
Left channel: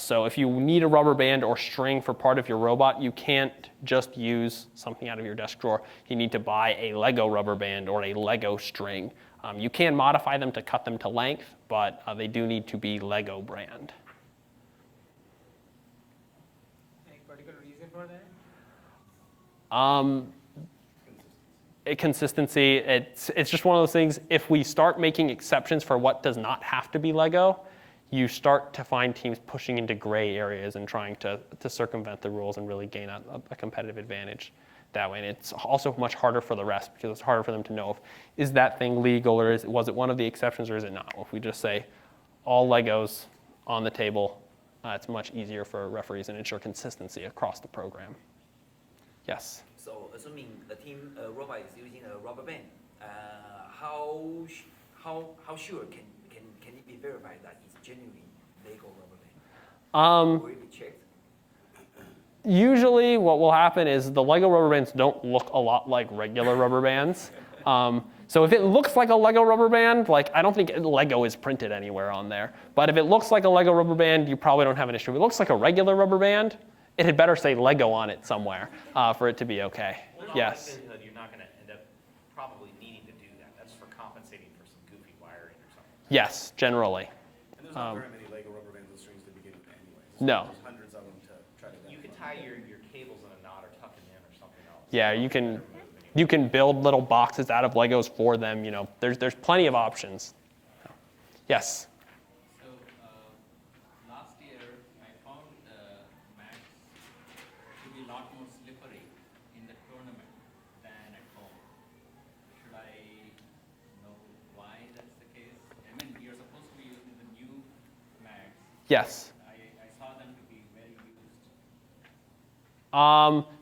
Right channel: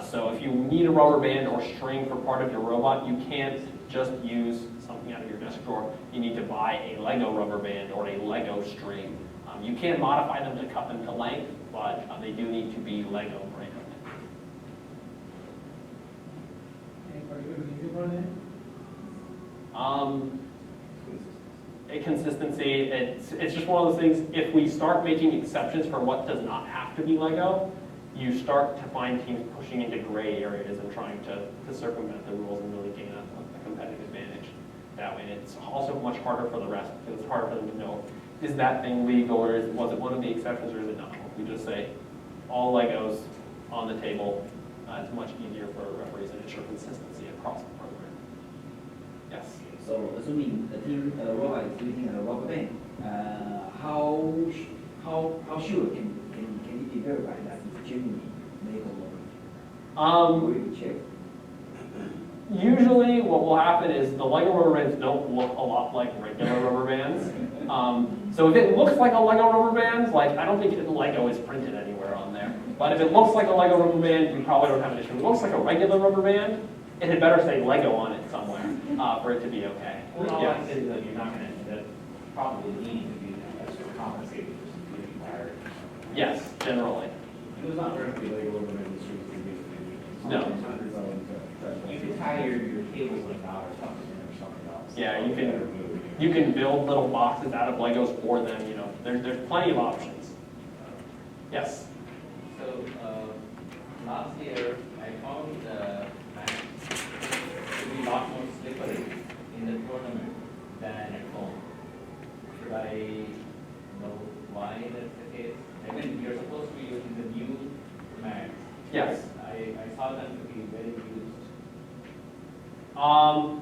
So if you need a rubber band or string for part of your robot, you can't just use something out of your desk drawer. You need to buy a Lego rubber band or a Lego string. You can modify them to cut them to length, but they do need to be Lego brand. Any particular reason for that? Consistency, it's just one of those things, if we start making exceptions for what does not have to be Lego, you start to find teams pushing into gray areas and trying to circumvent the rules and really gain a competitive advantage that way. And it's also much harder for the rest because it's harder for them to know, is that thing legal or was it one of the exceptions or is it not? If we just say all Legos on the table, it's much easier for referees and ensure consistency across the program. Yes? So assuming the team robot is using a rubber band, how sure can it be verified that it's genuinely Lego rubber? Where you check? Usually what will happen is the Lego rubber bands don't look a lot like regular rubber bands. So if it looks like a Lego rubber band, like I don't think Lego is printed anywhere on there. But if it looks like a Lego rubber band, you probably don't have an issue. If it looks like a regular rubber band, it had better say Lego on it somewhere for it to be okay. Yes. You're not going to end up probably needing to do that. That's for compensating for some beauty wire. Yes, generally. There's not going to be Lego rubber band in the streets of the No. Hundreds of them to You could tie your cables in a knot or something else. Yeah, you can build little boxes out of Legos for them. You know, there's plenty of options. Yes. So last year I found the match to be a lot more slippery in the tournament than at home. Should I know why that's the case? I mean, you're supposed to be using the new mats. Yes. I saw them to be very used.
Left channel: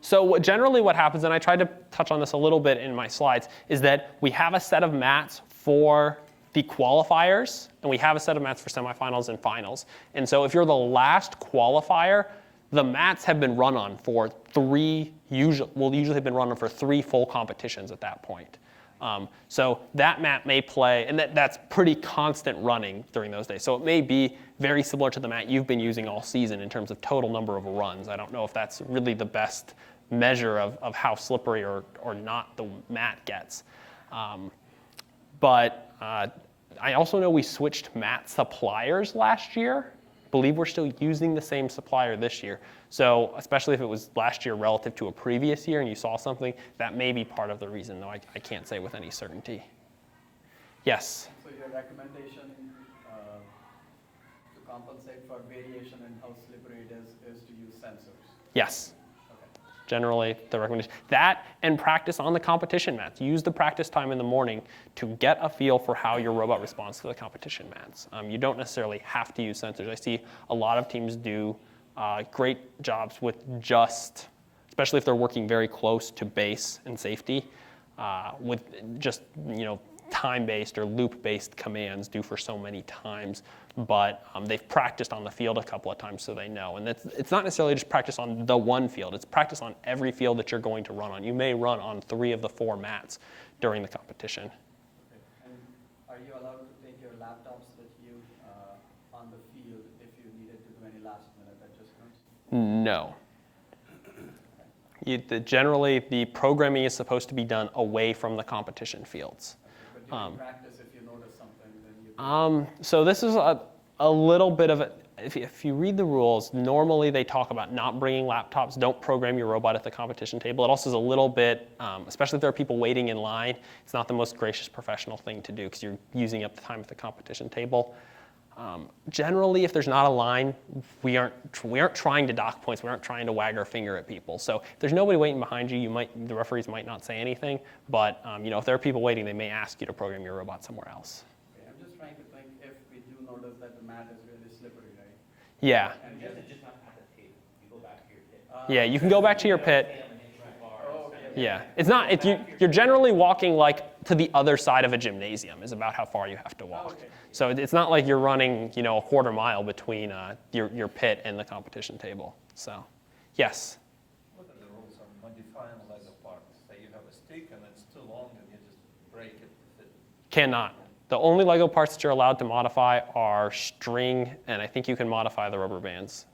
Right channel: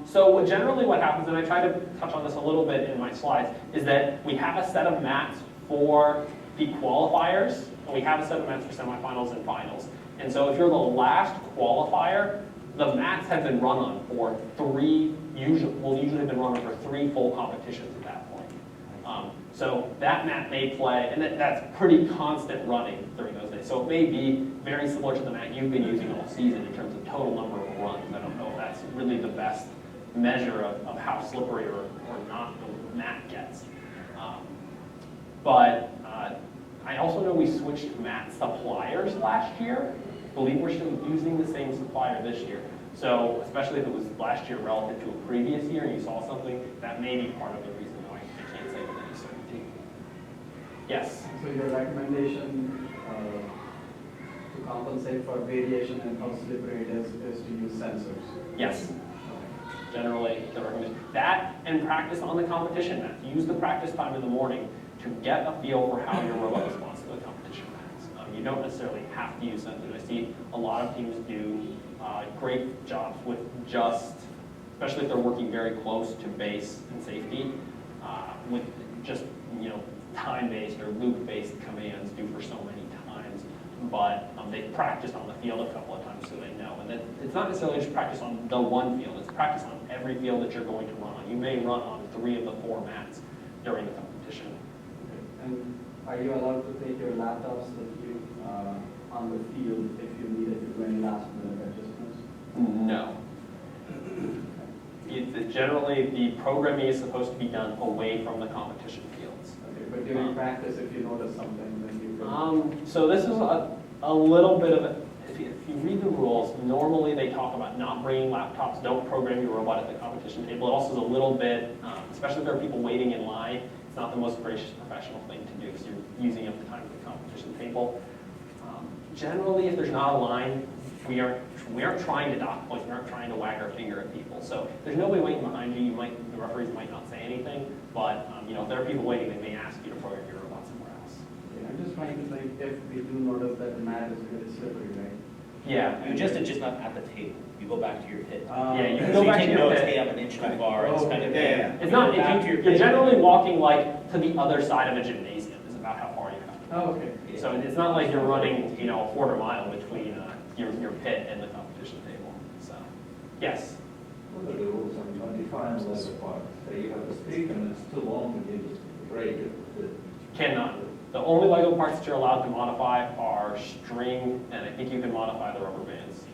So generally what happens, and I tried to touch on this a little bit in my slides, is that we have a set of mats for the qualifiers, and we have a set of mats for semifinals and finals. And so if you're the last qualifier, the mats have been run on for usually have been run on for 3 full competitions at that point. So that mat may play, and that's pretty constant running during those days. So it may be very similar to the mat you've been using all season in terms of total number of runs. I don't know if that's really the best measure of how slippery or not the mat gets. But I also know we switched mat suppliers last year. I believe we're still using the same supplier this year. So especially if it was last year relative to a previous year and you saw something, that may be part of the reason, though I can't say with any certainty. Yes? So your recommendation to compensate for variation in how slippery it is to use sensors? Yes. Generally, the recommendation. That and practice on the competition mats. Use the practice time in the morning to get a feel for how your robot responds to the competition mats. You don't necessarily have to use sensors. I see a lot of teams do great jobs with just, especially if they're working very close to base and safety, with just time-based or loop-based commands due for so many times. But they've practiced on the field a couple of times so they know. And it's not necessarily just practice on the one field, it's practice on every field that you're going to run on. You may run on 3 of the 4 mats during the competition. And are you allowed to take your laptops with you on the field if you needed to do any last-minute adjustments? No. Generally, the programming is supposed to be done away from the competition fields. Okay, but during practice, if you notice something, then you can... So this is a little bit of a, if you read the rules, normally they talk about not bringing laptops, don't program your robot at the competition table. It also is a little bit, especially if there are people waiting in line, it's not the most gracious professional thing to do because you're using up the time at the competition table. Generally, if there's not a line, we aren't trying to dock points. We aren't trying to wag our finger at people. So if there's nobody waiting behind you, the referees might not say anything. But if there are people waiting, they may ask you to program your robot somewhere else. Okay, I'm just trying to think if we do notice that the mat is really slippery, right? Yeah. You just not at the table. You go back to your pit. Yeah, you can go back to your pit. Stay up an inch too far. It's kind of, Yeah. It's not. You're generally walking like to the other side of a gymnasium. Is about how far you have to walk. Oh, okay. So it's not like you're running, a quarter mile between your pit and the competition table. So, yes. What are the rules on modifying Lego parts? Say you have a stick and it's too long and you just break it with it. Cannot. The only Lego parts that you're allowed to modify are string, and I think you can modify the rubber bands.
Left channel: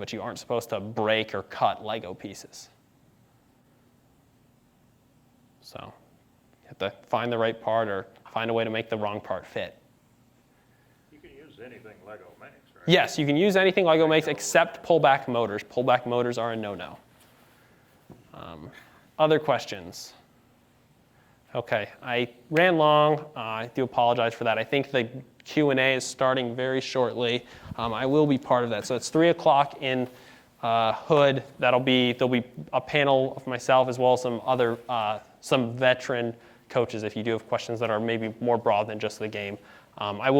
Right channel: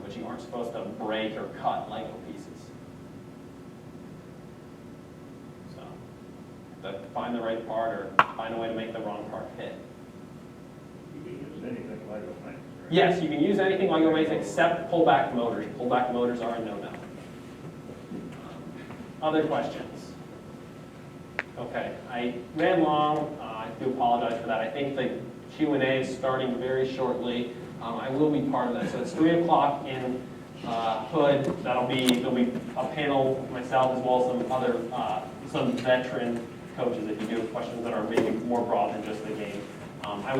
But you aren't supposed to break or cut Lego pieces. So, you have to find the right part or find a way to make the wrong part fit. You can use anything Lego makes. Yes, you can use anything Lego makes except pullback motors. Pullback motors are a no-no. Other questions? Okay, I ran long. I do apologize for that. I think the Q&A is starting very shortly. I will be part of that. So it's 3 o'clock in Hood. There'll be a panel with myself as well as some veteran coaches if you do have questions that are maybe more broad than just the game. I will